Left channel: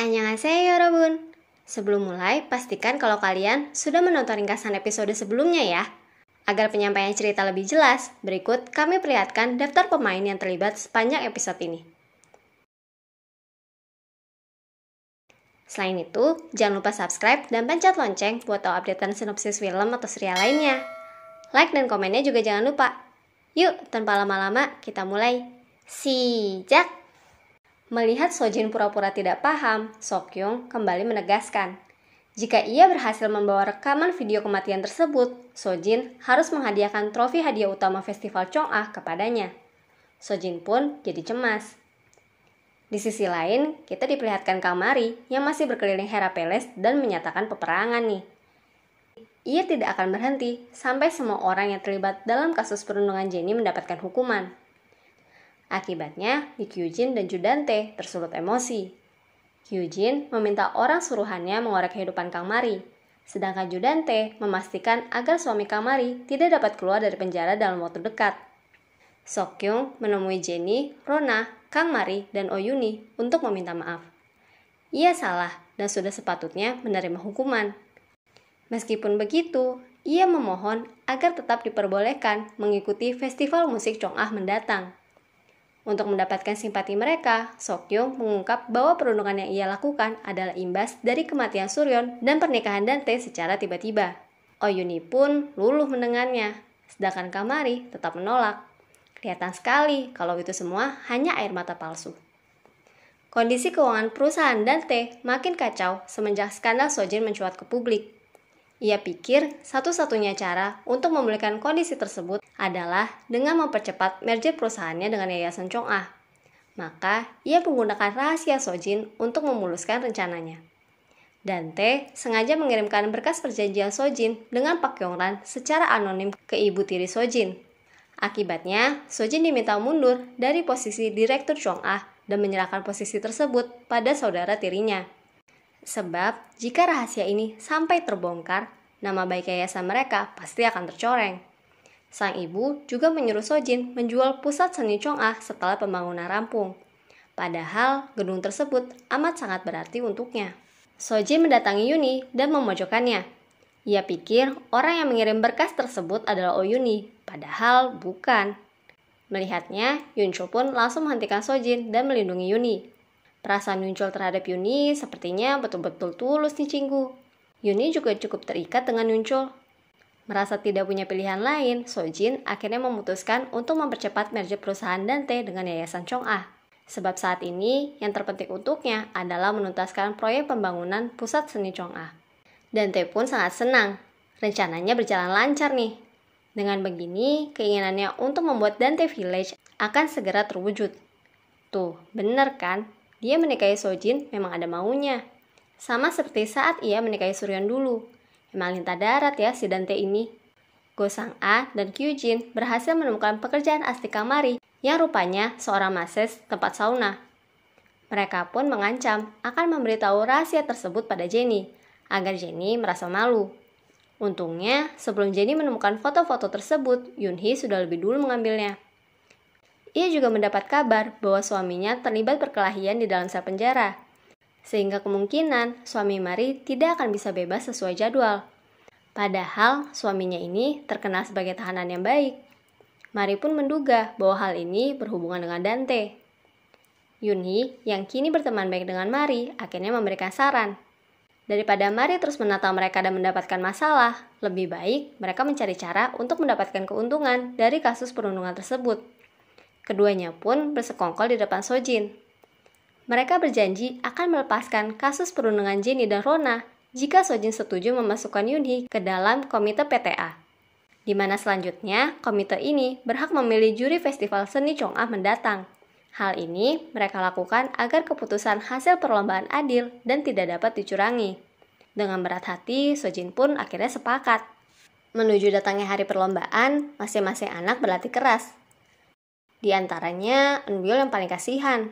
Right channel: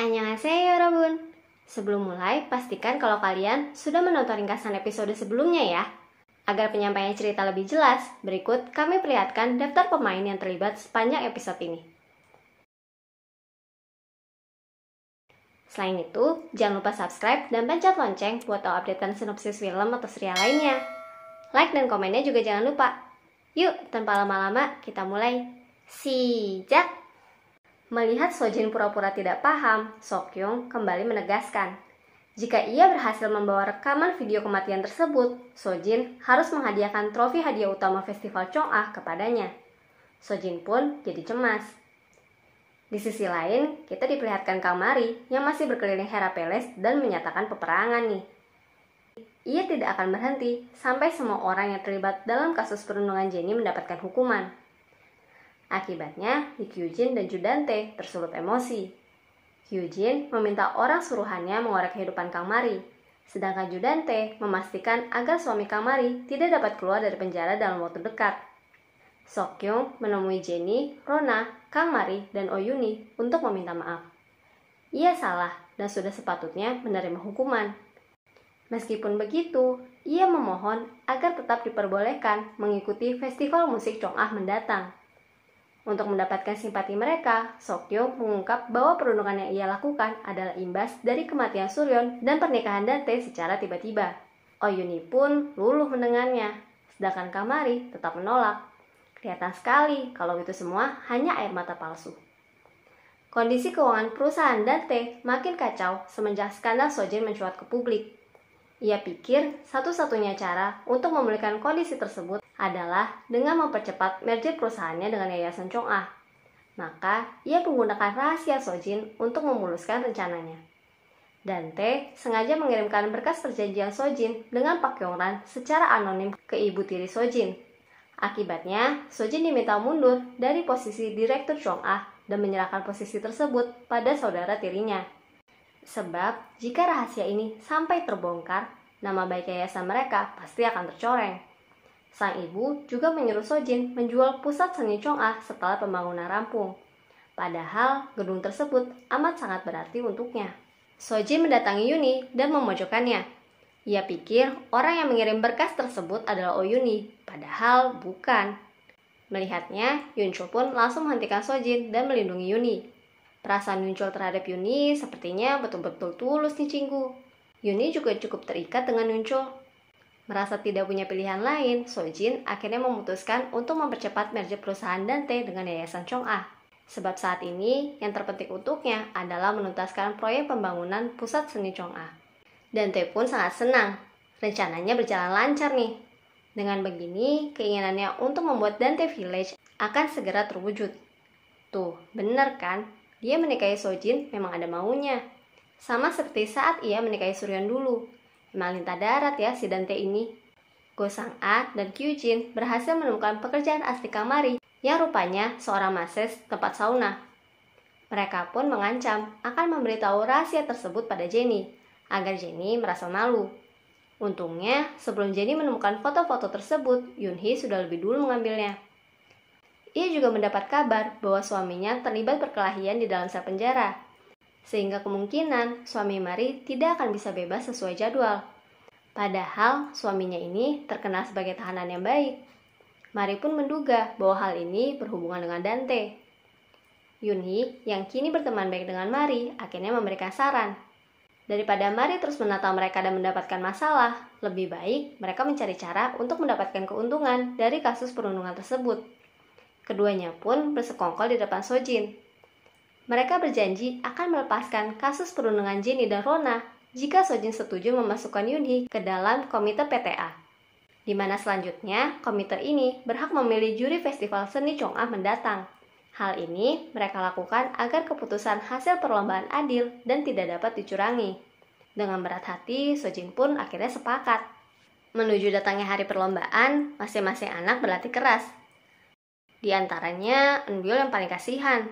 Annyeonghaseyo Robun. Sebelum mulai, pastikan kalau kalian sudah menonton ringkasan episode sebelumnya ya. Agar penyampaian cerita lebih jelas, berikut kami perlihatkan daftar pemain yang terlibat sepanjang episode ini. Selain itu, jangan lupa subscribe dan pencet lonceng buat tahu updatean sinopsis film atau serial lainnya. Like dan komennya juga jangan lupa. Yuk, tanpa lama-lama, kita mulai. Sijak! Melihat Sojin pura-pura tidak paham, Sokyung kembali menegaskan, jika ia berhasil membawa rekaman video kematian tersebut, Sojin harus menghadiahkan trofi hadiah utama festival Chong'ah kepadanya. Sojin pun jadi cemas. Di sisi lain, kita diperlihatkan Kang Mari yang masih berkeliling Herapeles dan menyatakan peperangan nih. Ia tidak akan berhenti sampai semua orang yang terlibat dalam kasus perundungan Jenny mendapatkan hukuman. Akibatnya, Lee Kyujin dan Judante tersulut emosi. Kyujin meminta orang suruhannya mengorek kehidupan Kang Mari, sedangkan Judante memastikan agar suami Kang Mari tidak dapat keluar dari penjara dalam waktu dekat. Sokyung menemui Jenny, Rona, Kang Mari, dan Oyuni untuk meminta maaf. Ia salah dan sudah sepatutnya menerima hukuman. Meskipun begitu, ia memohon agar tetap diperbolehkan mengikuti festival musik Chong'ah mendatang. Untuk mendapatkan simpati mereka, Sokyung mengungkap bahwa perundungan yang ia lakukan adalah imbas dari kematian Suryeon dan pernikahan Dante secara tiba-tiba. Oyuni pun luluh mendengarnya, sedangkan Kang Mari tetap menolak. Kelihatan sekali kalau itu semua hanya air mata palsu. Kondisi keuangan perusahaan Dante makin kacau semenjak skandal Sojin mencuat ke publik. Ia pikir satu-satunya cara untuk memulihkan kondisi tersebut adalah dengan mempercepat merger perusahaannya dengan Yayasan Chong'ah. Maka, ia menggunakan rahasia Sojin untuk memuluskan rencananya. Dante sengaja mengirimkan berkas perjanjian Sojin dengan Pak Kyungran secara anonim ke ibu tiri Sojin. Akibatnya, Sojin diminta mundur dari posisi direktur Chong'ah dan menyerahkan posisi tersebut pada saudara tirinya. Sebab, jika rahasia ini sampai terbongkar, nama baik yayasan mereka pasti akan tercoreng. Sang ibu juga menyuruh Sojin menjual pusat seni Chong'ah setelah pembangunan rampung. Padahal, gedung tersebut amat sangat berarti untuknya. Sojin mendatangi Yuni dan memojokkannya. Ia pikir orang yang mengirim berkas tersebut adalah Oyuni, padahal bukan. Melihatnya, Yunchul pun langsung menghentikan Sojin dan melindungi Yuni. Perasaan Yunchul terhadap Yuni sepertinya betul-betul tulus nih Cinggu. Yuni juga cukup terikat dengan Yunchul. Merasa tidak punya pilihan lain, Sojin akhirnya memutuskan untuk mempercepat merger perusahaan Dante dengan Yayasan Chong'ah. Sebab saat ini yang terpenting untuknya adalah menuntaskan proyek pembangunan pusat seni Chong'ah. Dante pun sangat senang. Rencananya berjalan lancar nih. Dengan begini, keinginannya untuk membuat Dante Village akan segera terwujud. Tuh, bener kan? Dia menikahi Sojin memang ada maunya. Sama seperti saat ia menikahi Suryeon dulu. Memang lintah darat ya si Dante ini. Go Sang-a dan Kyujin berhasil menemukan pekerjaan asli Kang Mari yang rupanya seorang mases tempat sauna. Mereka pun mengancam akan memberitahu rahasia tersebut pada Jenny, agar Jenny merasa malu. Untungnya, sebelum Jenny menemukan foto-foto tersebut, Yoonhee sudah lebih dulu mengambilnya. Ia juga mendapat kabar bahwa suaminya terlibat perkelahian di dalam sel penjara, sehingga kemungkinan suami Mari tidak akan bisa bebas sesuai jadwal. Padahal suaminya ini terkenal sebagai tahanan yang baik. Mari pun menduga bahwa hal ini berhubungan dengan Dante. Yoonhee yang kini berteman baik dengan Mari akhirnya memberikan saran. Daripada Mari terus menata mereka dan mendapatkan masalah, lebih baik mereka mencari cara untuk mendapatkan keuntungan dari kasus perundungan tersebut. Keduanya pun bersekongkol di depan Sojin. Mereka berjanji akan melepaskan kasus perundungan Jenny dan Rona jika Sojin setuju memasukkan Yoonhee ke dalam komite PTA. Di mana selanjutnya komite ini berhak memilih juri festival seni Chong'ah mendatang. Hal ini mereka lakukan agar keputusan hasil perlombaan adil dan tidak dapat dicurangi. Dengan berat hati, Sojin pun akhirnya sepakat. Menuju datangnya hari perlombaan, masing-masing anak berlatih keras. Di antaranya, Eunbyul yang paling kasihan.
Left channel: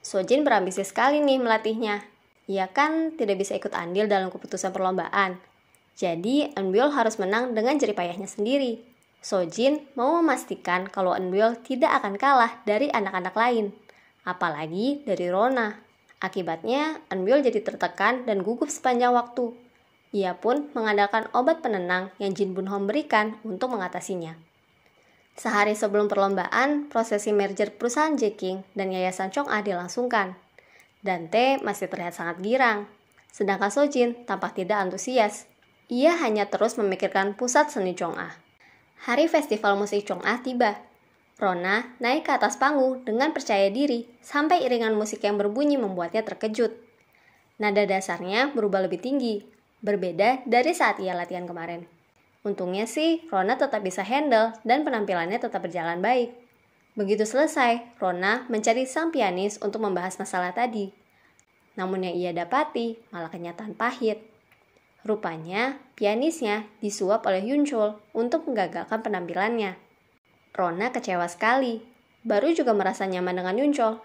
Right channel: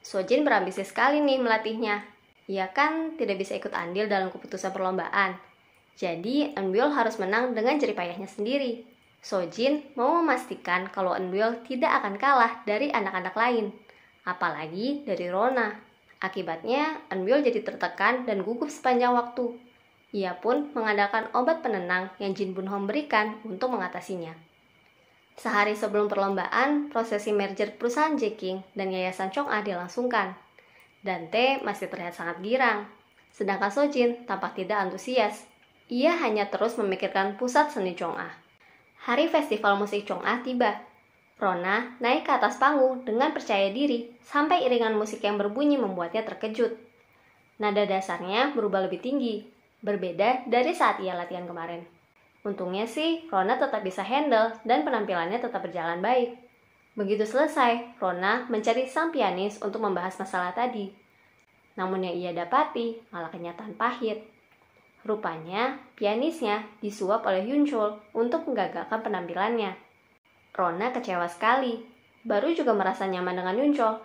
Sojin berambisi sekali nih melatihnya. Ia kan tidak bisa ikut andil dalam keputusan perlombaan. Jadi, Eunbyul harus menang dengan jerih payahnya sendiri. Sojin mau memastikan kalau Eunbyul tidak akan kalah dari anak-anak lain, apalagi dari Rona. Akibatnya, Eunbyul jadi tertekan dan gugup sepanjang waktu. Ia pun mengandalkan obat penenang yang Jin Bunho berikan untuk mengatasinya. Sehari sebelum perlombaan, prosesi merger perusahaan Jeking dan Yayasan Chong'ah dilangsungkan. Dante masih terlihat sangat girang, sedangkan Sojin tampak tidak antusias. Ia hanya terus memikirkan pusat seni Chong'ah. Hari festival musik Chong'ah tiba. Rona naik ke atas panggung dengan percaya diri sampai iringan musik yang berbunyi membuatnya terkejut. Nada dasarnya berubah lebih tinggi, berbeda dari saat ia latihan kemarin. Untungnya sih, Rona tetap bisa handle dan penampilannya tetap berjalan baik. Begitu selesai, Rona mencari sang pianis untuk membahas masalah tadi. Namun yang ia dapati malah kenyataan pahit. Rupanya, pianisnya disuap oleh Yunchol untuk menggagalkan penampilannya. Rona kecewa sekali. Baru juga merasa nyaman dengan Yunchol,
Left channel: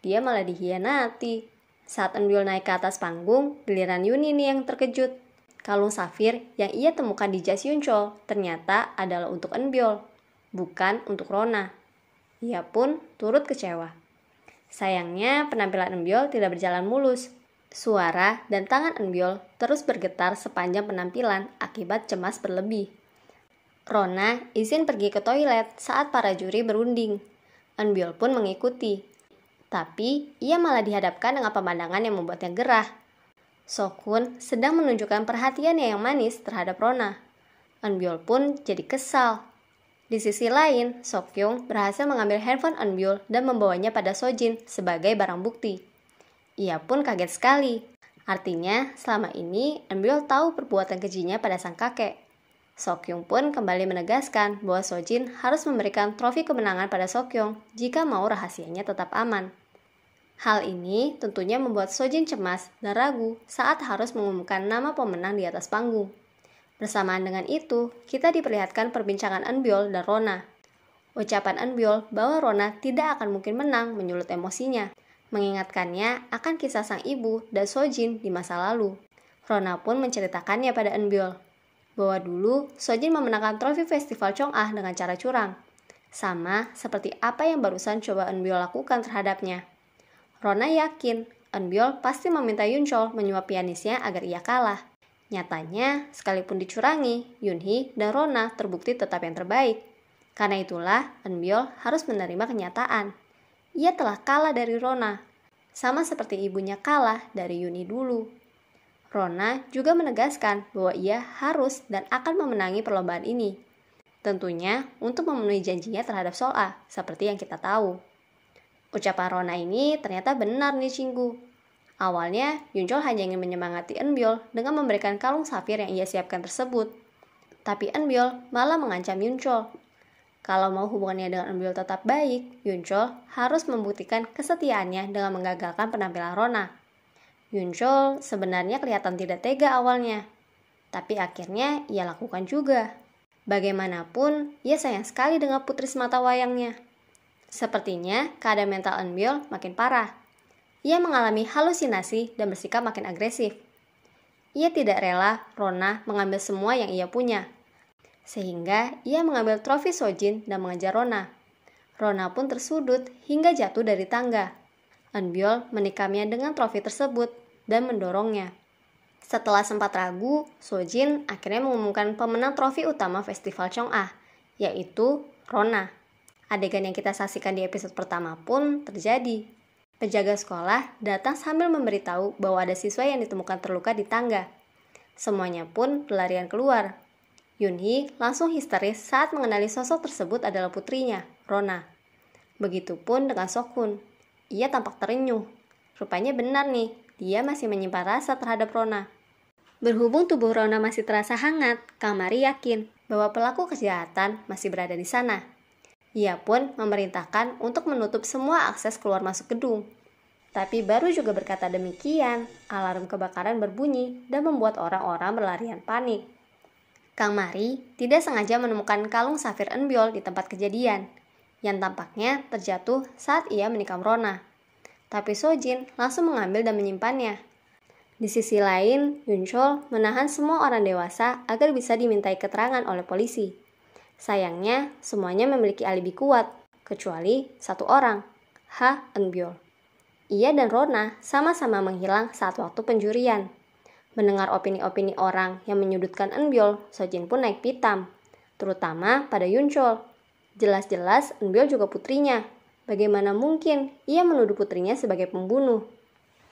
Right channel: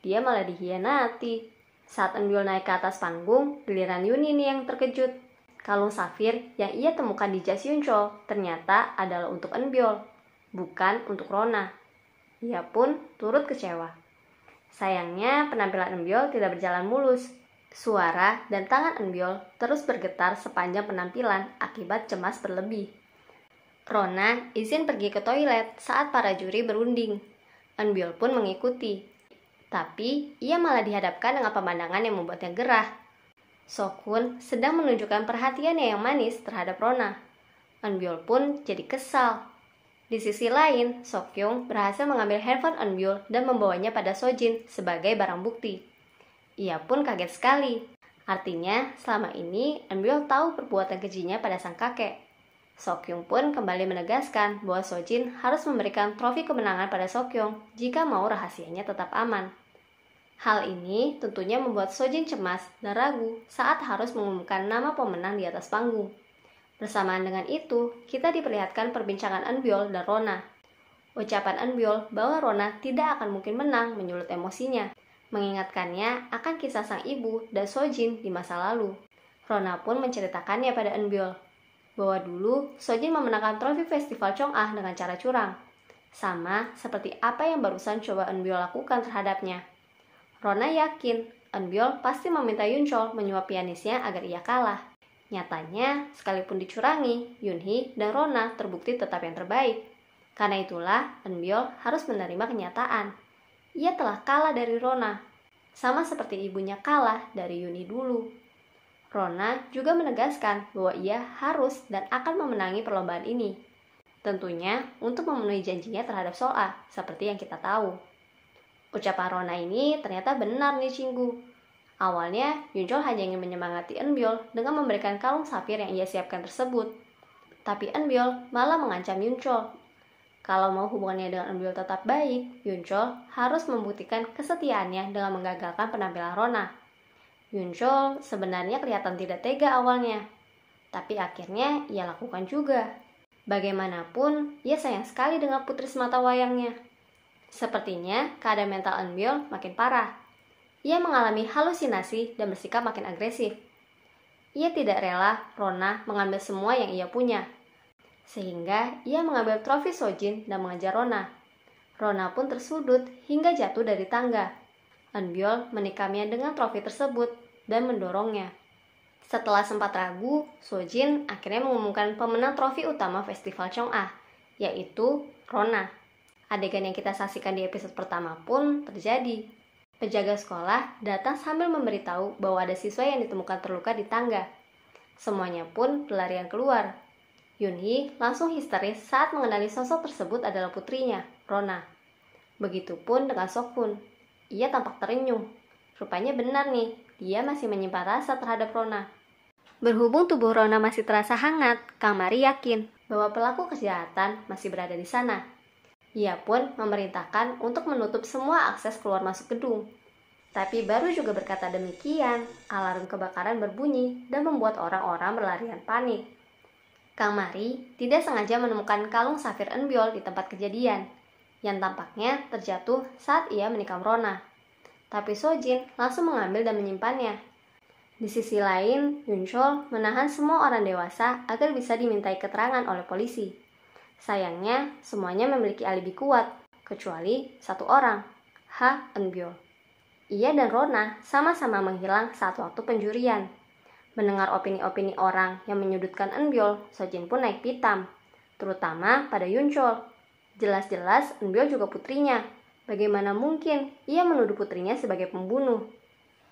dia malah dikhianati. Saat Eunbyul naik ke atas panggung, giliran Yun ini yang terkejut. Kalung safir yang ia temukan di jas Yunchol ternyata adalah untuk Eunbyul, bukan untuk Rona. Ia pun turut kecewa. Sayangnya penampilan Eunbyul tidak berjalan mulus. Suara dan tangan Eunbyul terus bergetar sepanjang penampilan akibat cemas berlebih. Rona izin pergi ke toilet saat para juri berunding. Eunbyul pun mengikuti. Tapi ia malah dihadapkan dengan pemandangan yang membuatnya gerah. Sokun sedang menunjukkan perhatiannya yang manis terhadap Rona. Eunbyul pun jadi kesal. Di sisi lain, Sokyung berhasil mengambil handphone Eunbyul dan membawanya pada Sojin sebagai barang bukti. Ia pun kaget sekali. Artinya, selama ini Eunbyul tahu perbuatan kejinya pada sang kakek. Sokyung pun kembali menegaskan bahwa Sojin harus memberikan trofi kemenangan pada Sokyung jika mau rahasianya tetap aman. Hal ini tentunya membuat Sojin cemas dan ragu saat harus mengumumkan nama pemenang di atas panggung. Bersamaan dengan itu, kita diperlihatkan perbincangan Eunbyul dan Rona. Ucapan Eunbyul bahwa Rona tidak akan mungkin menang menyulut emosinya, mengingatkannya akan kisah sang ibu dan Sojin di masa lalu. Rona pun menceritakannya pada Eunbyul bahwa dulu Sojin memenangkan trofi festival Chong'ah dengan cara curang, sama seperti apa yang barusan coba Eunbyul lakukan terhadapnya. Rona yakin Eunbyul pasti meminta Yunchol menyuap pianisnya agar ia kalah. Nyatanya, sekalipun dicurangi, Yunhee dan Rona terbukti tetap yang terbaik. Karena itulah Eunbyul harus menerima kenyataan. Ia telah kalah dari Rona, sama seperti ibunya kalah dari Yunhee dulu. Rona juga menegaskan bahwa ia harus dan akan memenangi perlombaan ini. Tentunya untuk memenuhi janjinya terhadap Soa, seperti yang kita tahu. Ucapan Rona ini ternyata benar nih Cinggu. Awalnya, Yunchol hanya ingin menyemangati Eunbyul dengan memberikan kalung safir yang ia siapkan tersebut. Tapi Eunbyul malah mengancam Yunchol. Kalau mau hubungannya dengan Eunbyul tetap baik, Yunchol harus membuktikan kesetiaannya dengan menggagalkan penampilan Rona. Yunchol sebenarnya kelihatan tidak tega awalnya, tapi akhirnya ia lakukan juga. Bagaimanapun, ia sayang sekali dengan putri semata wayangnya. Sepertinya keadaan mental Eunbyul makin parah. Ia mengalami halusinasi dan bersikap makin agresif. Ia tidak rela Rona mengambil semua yang ia punya, sehingga ia mengambil trofi Sojin dan mengejar Rona. Rona pun tersudut hingga jatuh dari tangga. Eunbyul menikamnya dengan trofi tersebut dan mendorongnya. Setelah sempat ragu, Sojin akhirnya mengumumkan pemenang trofi utama festival Chong'ah, yaitu Rona. Adegan yang kita saksikan di episode pertama pun terjadi. Penjaga sekolah datang sambil memberitahu bahwa ada siswa yang ditemukan terluka di tangga. Semuanya pun berlarian keluar. Yunhee langsung histeris saat mengenali sosok tersebut adalah putrinya, Rona. Begitupun dengan Sokun. Ia tampak terenyuh. Rupanya benar nih, dia masih menyimpan rasa terhadap Rona. Berhubung tubuh Rona masih terasa hangat, Kang Mari yakin bahwa pelaku kejahatan masih berada di sana. Ia pun memerintahkan untuk menutup semua akses keluar masuk gedung. Tapi baru juga berkata demikian, alarm kebakaran berbunyi dan membuat orang-orang berlarian panik. Kang Mari tidak sengaja menemukan kalung safir Eunbyul di tempat kejadian, yang tampaknya terjatuh saat ia menikam Rona. Tapi Sojin langsung mengambil dan menyimpannya. Di sisi lain, Yunchol menahan semua orang dewasa agar bisa dimintai keterangan oleh polisi. Sayangnya, semuanya memiliki alibi kuat, kecuali satu orang, Ha Eunbyul. ia dan Rona sama-sama menghilang saat waktu penjurian. Mendengar opini-opini orang yang menyudutkan Eunbyul, Sojin pun naik pitam, terutama pada Yunchol. Jelas-jelas Eunbyul juga putrinya. Bagaimana mungkin ia menuduh putrinya sebagai pembunuh?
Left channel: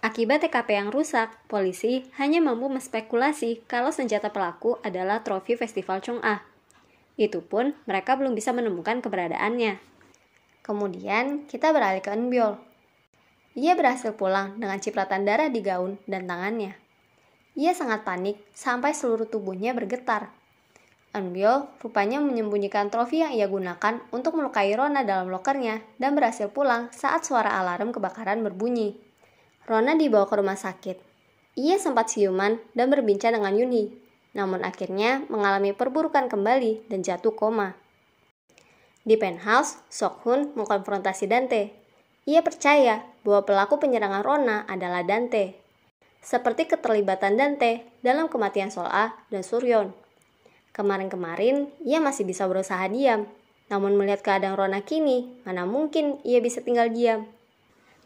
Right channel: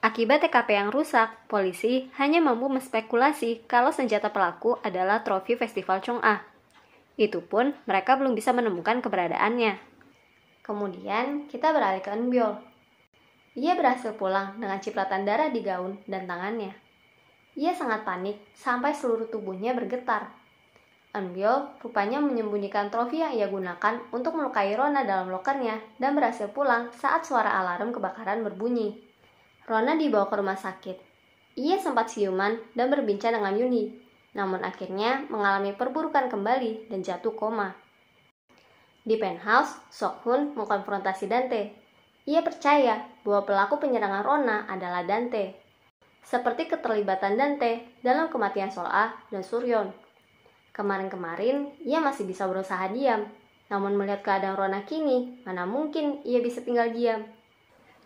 Akibat TKP yang rusak, polisi hanya mampu menspekulasi kalau senjata pelaku adalah trofi Festival Chong'ah. Itu pun mereka belum bisa menemukan keberadaannya. Kemudian kita beralih ke Eunbyul. Ia berhasil pulang dengan cipratan darah di gaun dan tangannya. Ia sangat panik sampai seluruh tubuhnya bergetar. Eunbyul rupanya menyembunyikan trofi yang ia gunakan untuk melukai Rona dalam lokernya dan berhasil pulang saat suara alarm kebakaran berbunyi. Rona dibawa ke rumah sakit. Ia sempat siuman dan berbincang dengan Yoonhee, namun akhirnya mengalami perburukan kembali dan jatuh koma. Di penthouse, Sok-hun mengkonfrontasi Dante. Ia percaya bahwa pelaku penyerangan Rona adalah Dante, seperti keterlibatan Dante dalam kematian Sol-ah dan Suryeon. Kemarin-kemarin, ia masih bisa berusaha diam, namun melihat keadaan Rona kini, mana mungkin ia bisa tinggal diam.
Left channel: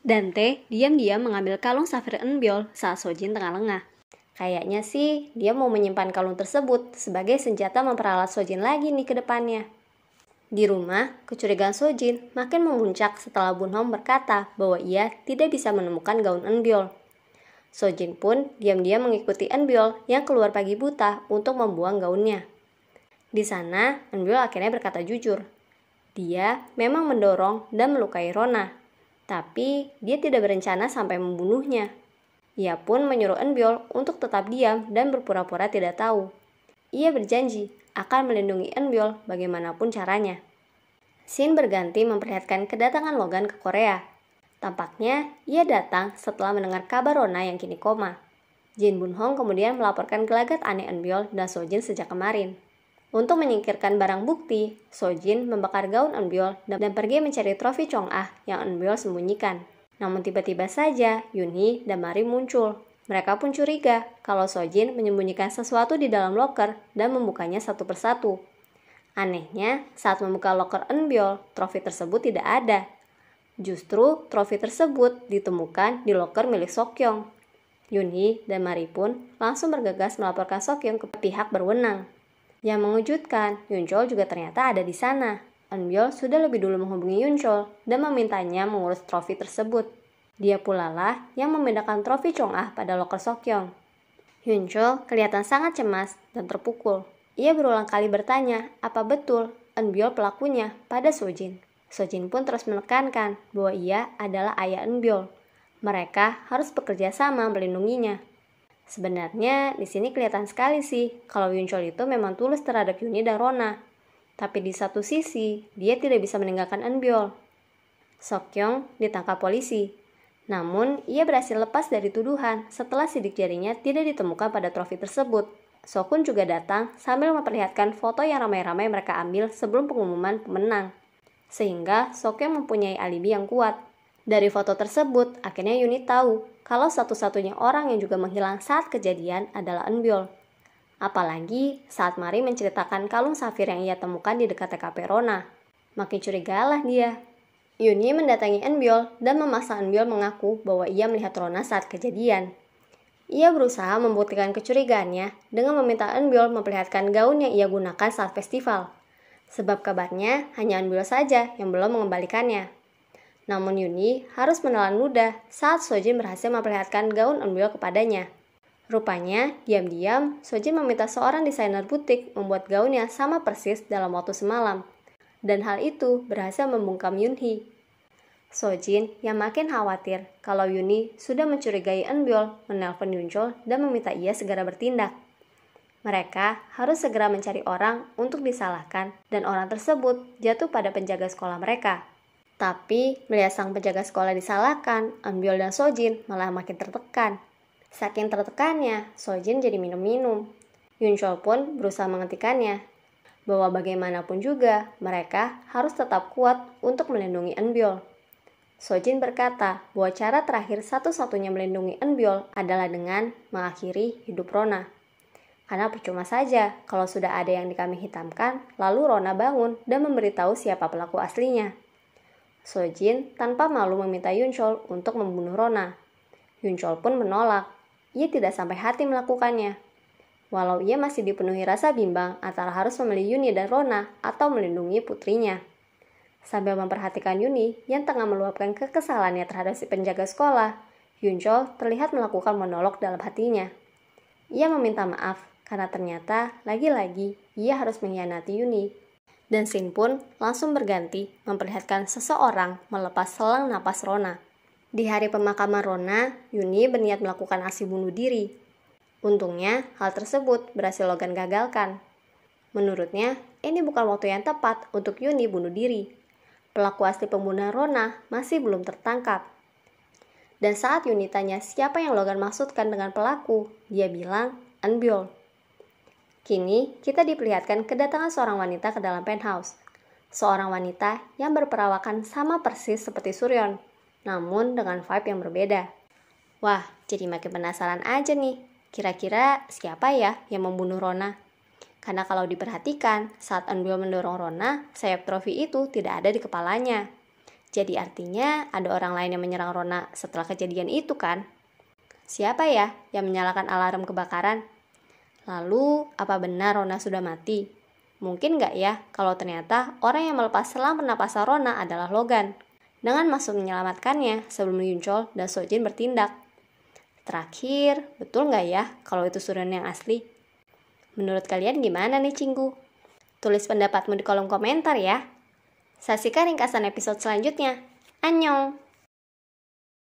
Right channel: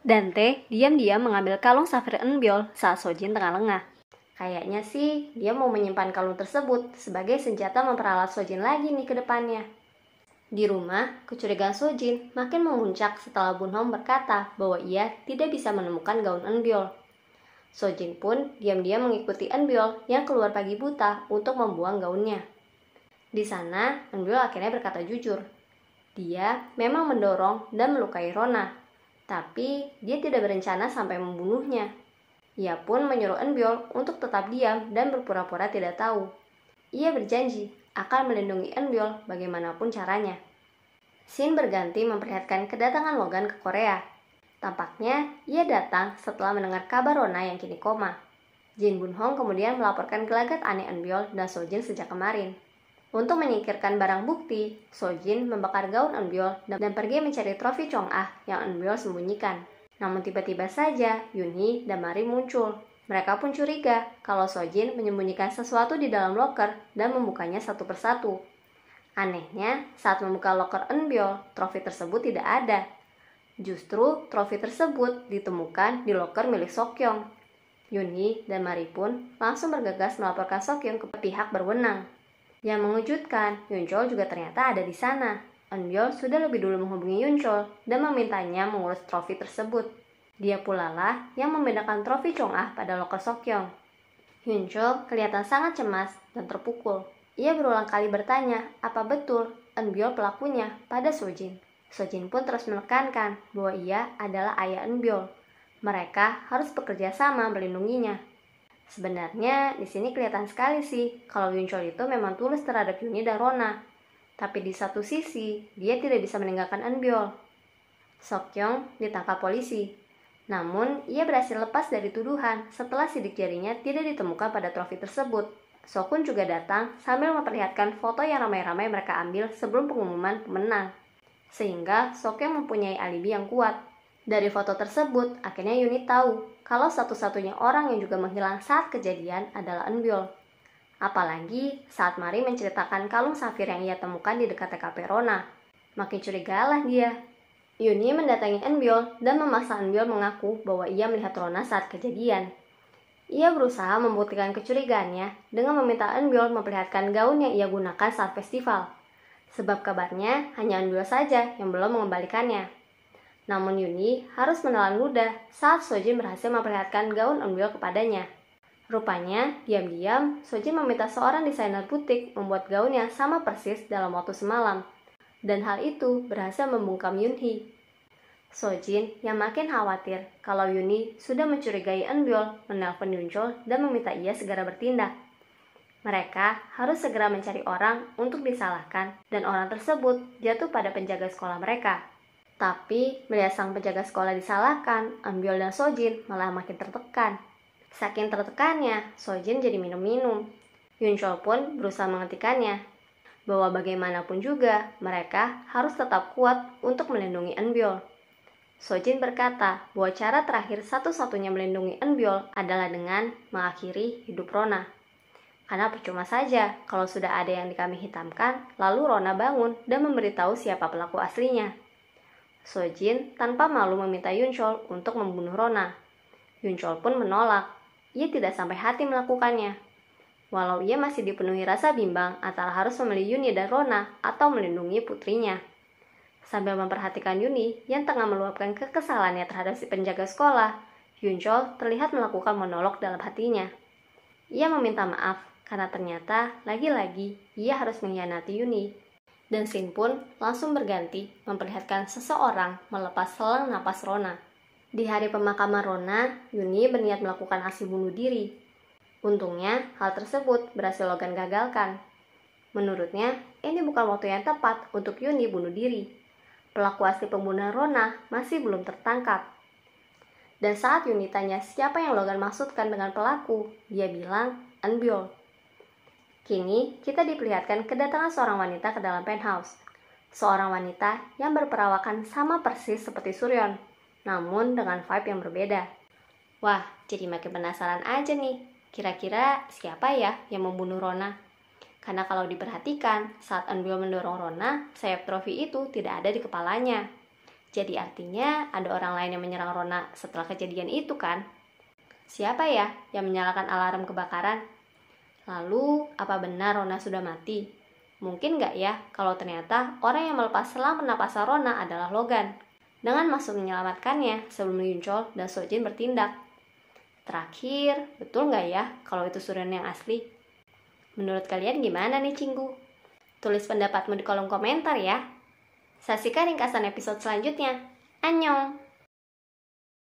Dante diam-diam mengambil kalung safir Eunbyul saat Sojin tengah lengah. Kayaknya sih, dia mau menyimpan kalung tersebut sebagai senjata memperalat Sojin lagi nih ke depannya. Di rumah, kecurigaan Sojin makin memuncak setelah Bunhong berkata bahwa ia tidak bisa menemukan gaun Eunbyul. Sojin pun diam-diam mengikuti Eunbyul yang keluar pagi buta untuk membuang gaunnya. Di sana, Eunbyul akhirnya berkata jujur. Dia memang mendorong dan melukai Rona, tapi dia tidak berencana sampai membunuhnya. Ia pun menyuruh Eunbyul untuk tetap diam dan berpura-pura tidak tahu. Ia berjanji akan melindungi Eunbyul bagaimanapun caranya. Scene berganti memperlihatkan kedatangan Logan ke Korea. Tampaknya ia datang setelah mendengar kabar Rona yang kini koma. Jin Bunhong kemudian melaporkan gelagat aneh Eunbyul dan Sojin sejak kemarin. Untuk menyingkirkan barang bukti, Sojin membakar gaun Eunbyul dan pergi mencari trofi Chong'ah yang Eunbyul sembunyikan. Namun tiba-tiba saja Yoonhee dan Mari muncul. Mereka pun curiga kalau Sojin menyembunyikan sesuatu di dalam loker dan membukanya satu persatu. Anehnya, saat membuka loker Eunbyul, trofi tersebut tidak ada. Justru trofi tersebut ditemukan di loker milik Seokyeong. Yoonhee dan Mari pun langsung bergegas melaporkan Seokyeong ke pihak berwenang. Yang mengejutkan, Yunchol juga ternyata ada di sana. Eunbyul sudah lebih dulu menghubungi Yunchol dan memintanya mengurus trofi tersebut. Dia pula lah yang membedakan trofi Chong'ah pada loker Seokyeong. Yunchol kelihatan sangat cemas dan terpukul. Ia berulang kali bertanya apa betul Eunbyul pelakunya pada Sojin. Sojin pun terus menekankan bahwa ia adalah ayah Eunbyul. Mereka harus bekerja sama melindunginya. Sebenarnya di sini kelihatan sekali sih kalau Yunchol itu memang tulus terhadap Yoonhee dan Rona. Tapi di satu sisi, dia tidak bisa meninggalkan Eunbyul. Seokyeong ditangkap polisi. Namun, ia berhasil lepas dari tuduhan setelah sidik jarinya tidak ditemukan pada trofi tersebut. Sokun juga datang sambil memperlihatkan foto yang ramai-ramai mereka ambil sebelum pengumuman pemenang. Sehingga Seokyeong mempunyai alibi yang kuat. Dari foto tersebut, akhirnya Yoonhee tahu kalau satu-satunya orang yang juga menghilang saat kejadian adalah Eunbyul. Apalagi saat Mari menceritakan kalung safir yang ia temukan di dekat TKP Rona. Makin curigalah dia. Yoonhee mendatangi Eunbyul dan memaksa Eunbyul mengaku bahwa ia melihat Rona saat kejadian. Ia berusaha membuktikan kecurigaannya dengan meminta Eunbyul memperlihatkan gaun yang ia gunakan saat festival. Sebab kabarnya hanya Eunbyul saja yang belum mengembalikannya. Namun Yoonhee harus menelan ludah saat Sojin berhasil memperlihatkan gaun Eunbyul kepadanya. Rupanya, diam-diam, Sojin meminta seorang desainer butik membuat gaun yang sama persis dalam waktu semalam. Dan hal itu berhasil membungkam Yoonhee. Sojin yang makin khawatir kalau Yoonhee sudah mencurigai Eunbyul menelpon Yunchol dan meminta ia segera bertindak. Mereka harus segera mencari orang untuk disalahkan dan orang tersebut jatuh pada penjaga sekolah mereka. Tapi melihat sang penjaga sekolah disalahkan, Eunbyul dan Sojin malah makin tertekan. Saking tertekannya, Sojin jadi minum-minum. Yunchol pun berusaha menghentikannya, bahwa bagaimanapun juga mereka harus tetap kuat untuk melindungi Eunbyul. Sojin berkata bahwa cara terakhir satu-satunya melindungi Eunbyul adalah dengan mengakhiri hidup Rona. Karena percuma saja kalau sudah ada yang dikambing hitamkan, lalu Rona bangun dan memberitahu siapa pelaku aslinya. Sojin tanpa malu meminta Yunchol untuk membunuh Rona. Yunchol pun menolak. Ia tidak sampai hati melakukannya. Walau ia masih dipenuhi rasa bimbang antara harus memilih Yuni dan Rona atau melindungi putrinya. Sambil memperhatikan Yuni yang tengah meluapkan kekesalannya terhadap si penjaga sekolah, Yunchol terlihat melakukan monolog dalam hatinya. Ia meminta maaf karena ternyata lagi-lagi ia harus mengkhianati Yuni. Dan scene pun langsung berganti memperlihatkan seseorang melepas selang napas Rona. Di hari pemakaman Rona, Yuni berniat melakukan aksi bunuh diri. Untungnya, hal tersebut berhasil Logan gagalkan. Menurutnya, ini bukan waktu yang tepat untuk Yuni bunuh diri. Pelaku asli pembunuhan Rona masih belum tertangkap. Dan saat Yuni tanya siapa yang Logan maksudkan dengan pelaku, dia bilang, Eunbyul. Kini, kita diperlihatkan kedatangan seorang wanita ke dalam penthouse. Seorang wanita yang berperawakan sama persis seperti Suryeon, namun dengan vibe yang berbeda. Wah, jadi makin penasaran aja nih. Kira-kira siapa ya yang membunuh Rona? Karena kalau diperhatikan, saat Eunbyul mendorong Rona, sayap trofi itu tidak ada di kepalanya. Jadi artinya ada orang lain yang menyerang Rona setelah kejadian itu kan? Siapa ya yang menyalakan alarm kebakaran? Lalu, apa benar Rona sudah mati? Mungkin nggak ya kalau ternyata orang yang melepas selang pernapasan Rona adalah Logan, dengan maksud menyelamatkannya sebelum Yunchol dan Sojin bertindak. Terakhir, betul nggak ya kalau itu Suryeon yang asli? Menurut kalian gimana nih, Cinggu? Tulis pendapatmu di kolom komentar ya. Saksikan ringkasan episode selanjutnya. Annyeong!